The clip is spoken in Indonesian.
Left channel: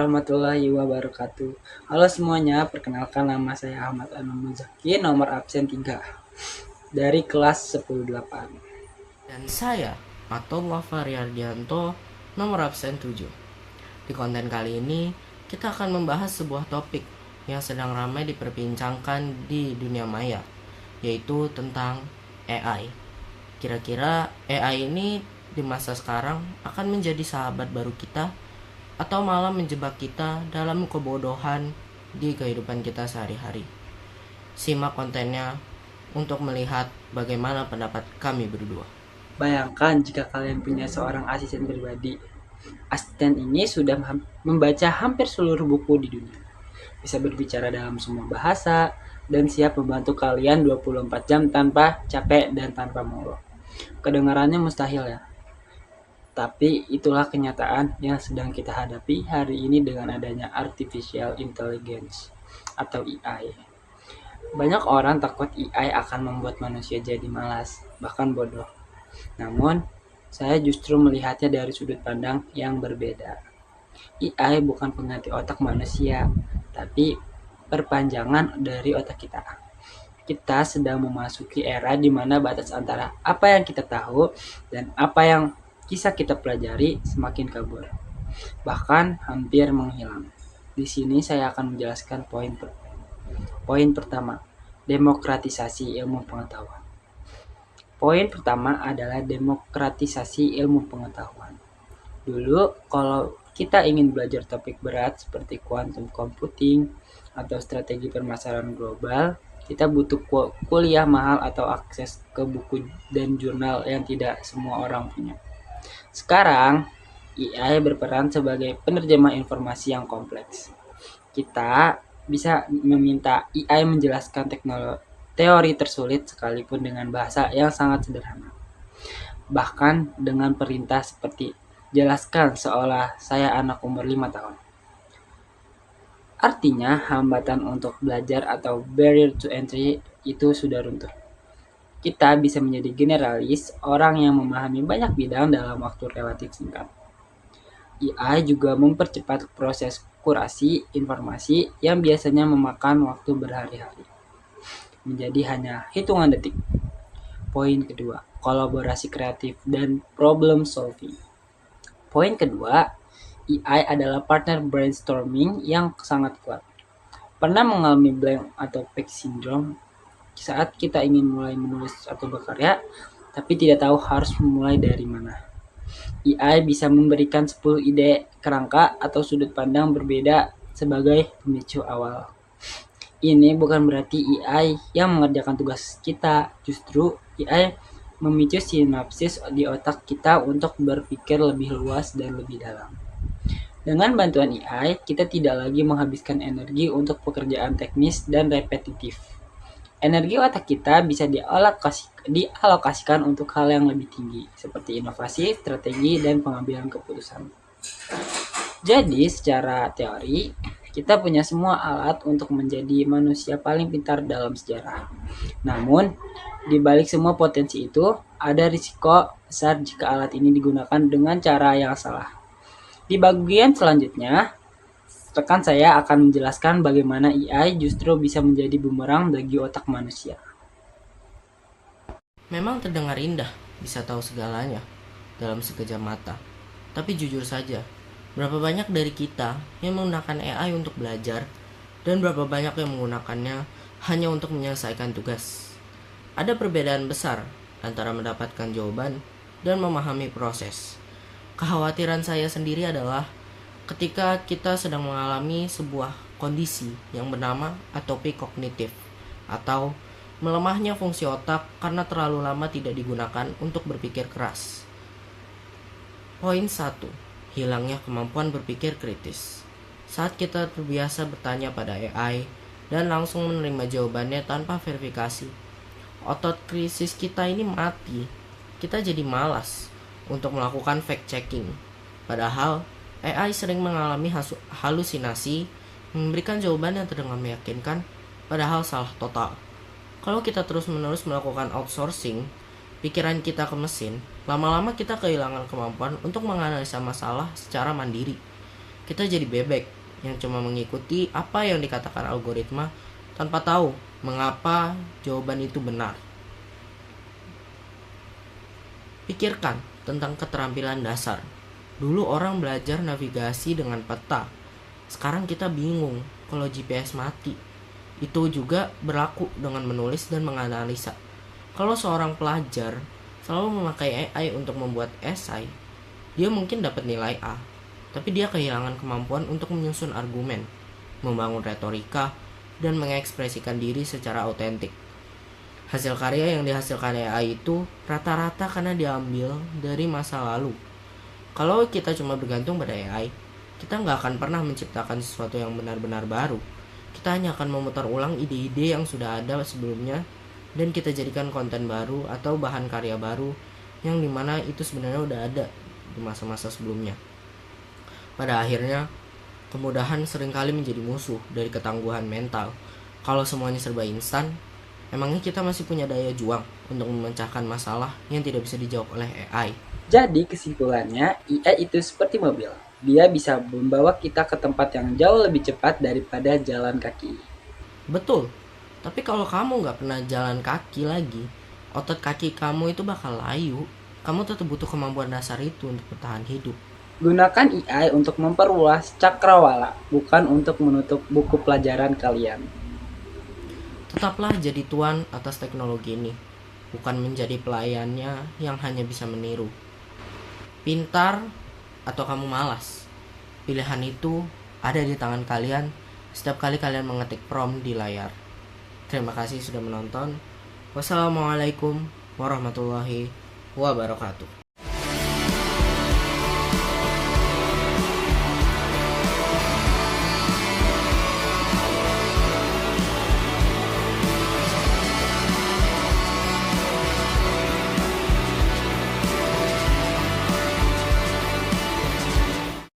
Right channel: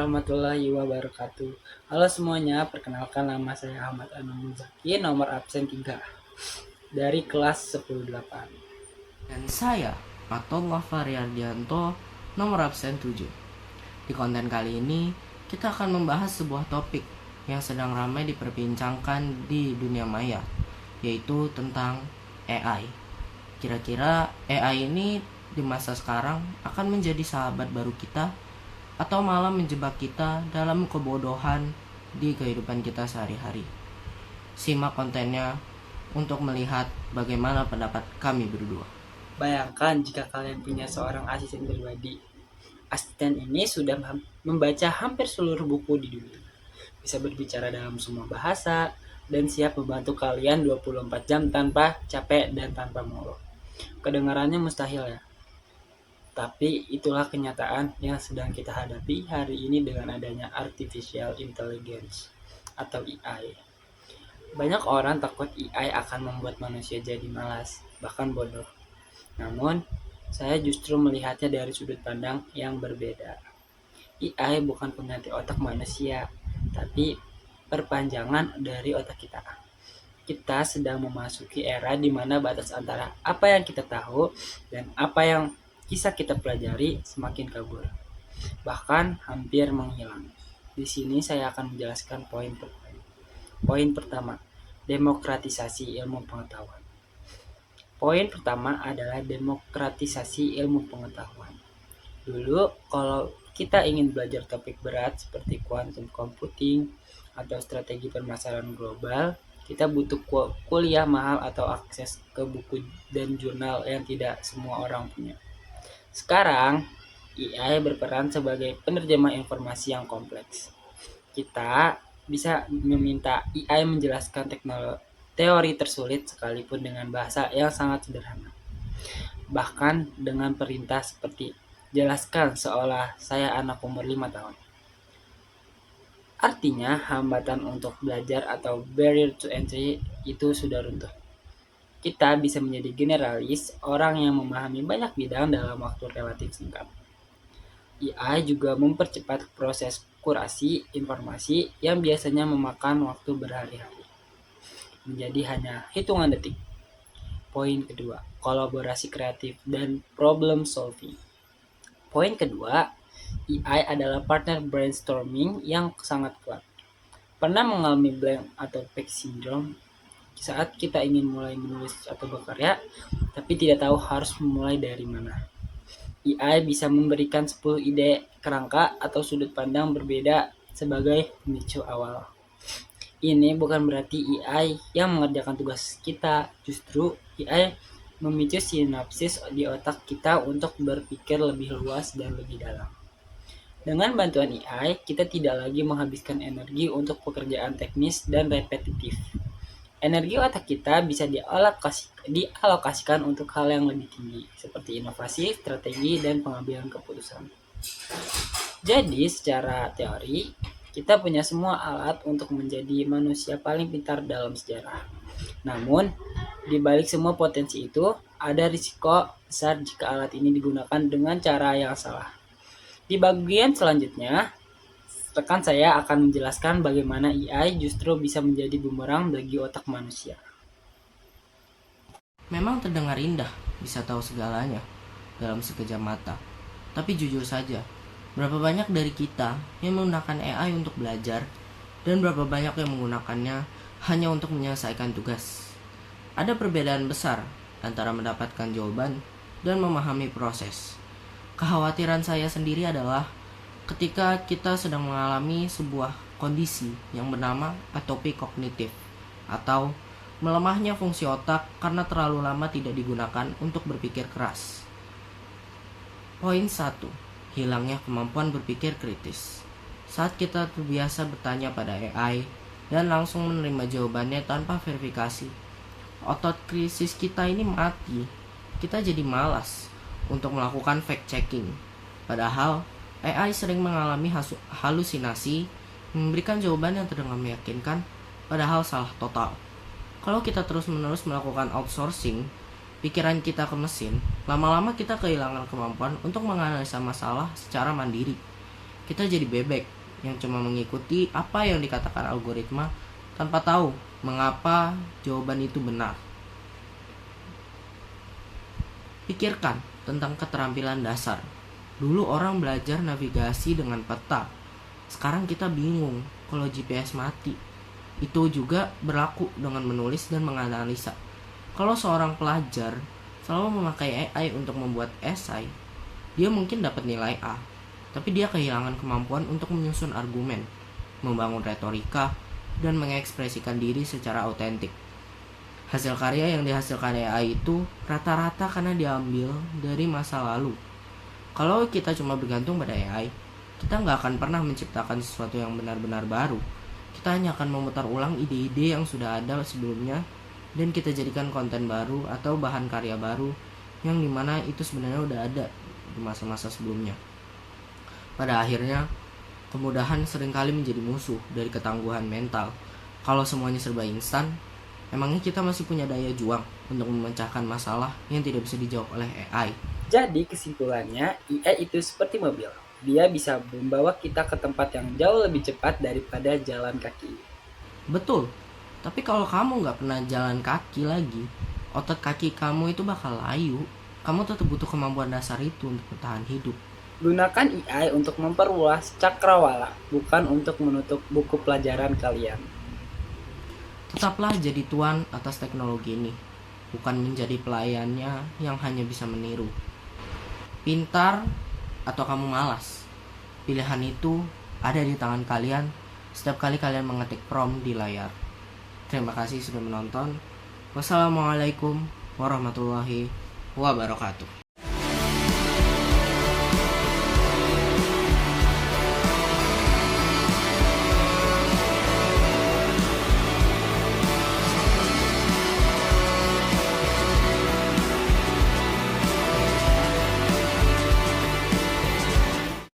warahmatullahi wabarakatuh. Halo semuanya, perkenalkan nama saya Ahmad Anum Muzaki, nomor absen 3 dari kelas 108. Dan saya, Fatullah Faryardianto, nomor absen 7. Di konten kali ini, kita akan membahas sebuah topik yang sedang ramai diperbincangkan di dunia maya, yaitu tentang AI. Kira-kira AI ini di masa sekarang akan menjadi sahabat baru kita atau malah menjebak kita dalam kebodohan di kehidupan kita sehari-hari. Simak kontennya untuk melihat bagaimana pendapat kami berdua. Bayangkan jika kalian punya seorang asisten pribadi. Asisten ini sudah membaca hampir seluruh buku di dunia. Bisa berbicara dalam semua bahasa dan siap membantu kalian 24 jam tanpa capek dan tanpa mogok. Kedengarannya mustahil ya? Tapi itulah kenyataan yang sedang kita hadapi hari ini dengan adanya Artificial Intelligence atau AI. Banyak orang takut AI akan membuat manusia jadi malas, bahkan bodoh. Namun, saya justru melihatnya dari sudut pandang yang berbeda. AI bukan pengganti otak manusia, tapi perpanjangan dari otak kita. Kita sedang memasuki era di mana batas antara apa yang kita tahu dan apa yang kisah kita pelajari semakin kabur, bahkan hampir menghilang. Di sini saya akan menjelaskan poin pertama, demokratisasi ilmu pengetahuan. Poin pertama adalah demokratisasi ilmu pengetahuan. Dulu kalau kita ingin belajar topik berat seperti quantum computing atau strategi permasalahan global, kita butuh kuliah mahal atau akses ke buku dan jurnal yang tidak semua orang punya. Sekarang, AI berperan sebagai penerjemah informasi yang kompleks. Kita bisa meminta AI menjelaskan teori tersulit sekalipun dengan bahasa yang sangat sederhana. Bahkan dengan perintah seperti jelaskan seolah saya anak umur 5 tahun. Artinya, hambatan untuk belajar atau barrier to entry itu sudah runtuh. Kita bisa menjadi generalis, orang yang memahami banyak bidang dalam waktu relatif singkat. AI juga mempercepat proses kurasi informasi yang biasanya memakan waktu berhari-hari, menjadi hanya hitungan detik. Poin kedua, kolaborasi kreatif dan problem solving. Poin kedua, AI adalah partner brainstorming yang sangat kuat. Pernah mengalami blank atau page syndrome saat kita ingin mulai menulis atau berkarya, tapi tidak tahu harus memulai dari mana? AI bisa memberikan 10 ide kerangka atau sudut pandang berbeda sebagai pemicu awal. Ini bukan berarti AI yang mengerjakan tugas kita, justru AI memicu sinapsis di otak kita untuk berpikir lebih luas dan lebih dalam. Dengan bantuan AI, kita tidak lagi menghabiskan energi untuk pekerjaan teknis dan repetitif. Energi otak kita bisa dialokasikan untuk hal yang lebih tinggi, seperti inovasi, strategi, dan pengambilan keputusan. Jadi, secara teori, kita punya semua alat untuk menjadi manusia paling pintar dalam sejarah. Namun, di balik semua potensi itu, ada risiko besar jika alat ini digunakan dengan cara yang salah. Di bagian selanjutnya, rekan saya akan menjelaskan bagaimana AI justru bisa menjadi bumerang bagi otak manusia. Memang terdengar indah, bisa tahu segalanya dalam sekejap mata. Tapi jujur saja, berapa banyak dari kita yang menggunakan AI untuk belajar dan berapa banyak yang menggunakannya hanya untuk menyelesaikan tugas? Ada perbedaan besar antara mendapatkan jawaban dan memahami proses. Kekhawatiran saya sendiri adalah ketika kita sedang mengalami sebuah kondisi yang bernama atopik kognitif atau melemahnya fungsi otak karena terlalu lama tidak digunakan untuk berpikir keras. Poin 1. Hilangnya kemampuan berpikir kritis. Saat kita terbiasa bertanya pada AI dan langsung menerima jawabannya tanpa verifikasi, otot kritis kita ini mati. Kita jadi malas untuk melakukan fact checking. Padahal AI sering mengalami halusinasi, memberikan jawaban yang terdengar meyakinkan, padahal salah total. Kalau kita terus-menerus melakukan outsourcing pikiran kita ke mesin, lama-lama kita kehilangan kemampuan untuk menganalisa masalah secara mandiri. Kita jadi bebek yang cuma mengikuti apa yang dikatakan algoritma tanpa tahu mengapa jawaban itu benar. Pikirkan tentang keterampilan dasar. Dulu orang belajar navigasi dengan peta. Sekarang kita bingung kalau GPS mati. Itu juga berlaku dengan menulis dan menganalisa. Kalau seorang pelajar selalu memakai AI untuk membuat esai, dia mungkin dapat nilai A, tapi dia kehilangan kemampuan untuk menyusun argumen, membangun retorika, dan mengekspresikan diri secara autentik. Hasil karya yang dihasilkan AI itu rata-rata karena diambil dari masa lalu. Kalau kita cuma bergantung pada AI, kita nggak akan pernah menciptakan sesuatu yang benar-benar baru. Kita hanya akan memutar ulang ide-ide yang sudah ada sebelumnya, dan kita jadikan konten baru atau bahan karya baru yang dimana itu sebenarnya udah ada di masa-masa sebelumnya. Pada akhirnya, kemudahan seringkali menjadi musuh dari ketangguhan mental. Kalau semuanya serba instan, emangnya kita masih punya daya juang untuk memecahkan masalah yang tidak bisa dijawab oleh AI? Jadi kesimpulannya, AI itu seperti mobil. Dia bisa membawa kita ke tempat yang jauh lebih cepat daripada jalan kaki. Betul, tapi kalau kamu nggak pernah jalan kaki lagi, otot kaki kamu itu bakal layu. Kamu tetap butuh kemampuan dasar itu untuk bertahan hidup. Gunakan AI untuk memperluas cakrawala, bukan untuk menutup buku pelajaran kalian. Tetaplah jadi tuan atas teknologi ini, bukan menjadi pelayannya yang hanya bisa meniru. Pintar atau kamu malas? Pilihan itu ada di tangan kalian setiap kali kalian mengetik prompt di layar. Terima kasih sudah menonton. Wassalamualaikum warahmatullahi wabarakatuh.